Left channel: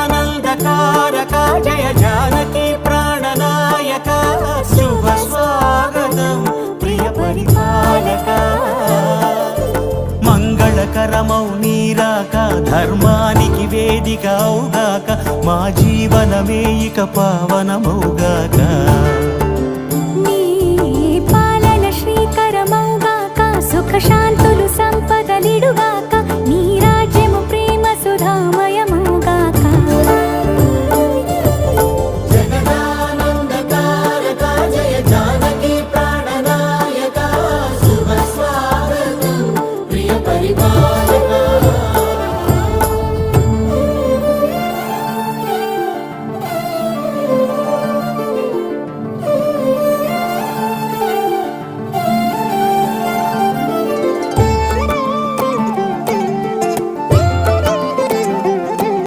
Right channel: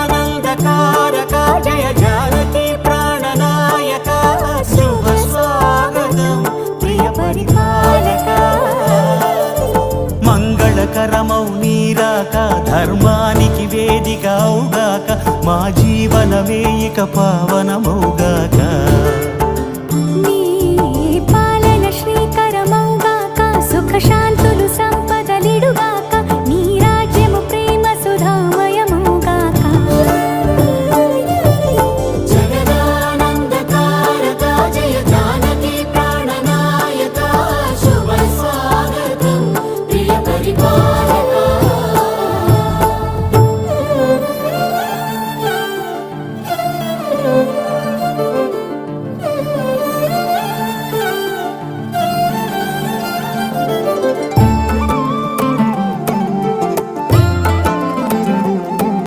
జగదానందకారక జయ జానకి ప్రాణనాయక శుభ స్వాగతం ప్రియ పరిపాలక మంగళకరమౌ నీరాక ధర్మానికి వేదిక అవుగాక మా జీవనమే ఇక పావనమౌగాక నీ పాలన శ్రీకరమౌగాక సుఖ శాంతులు సంపదలిడుగాక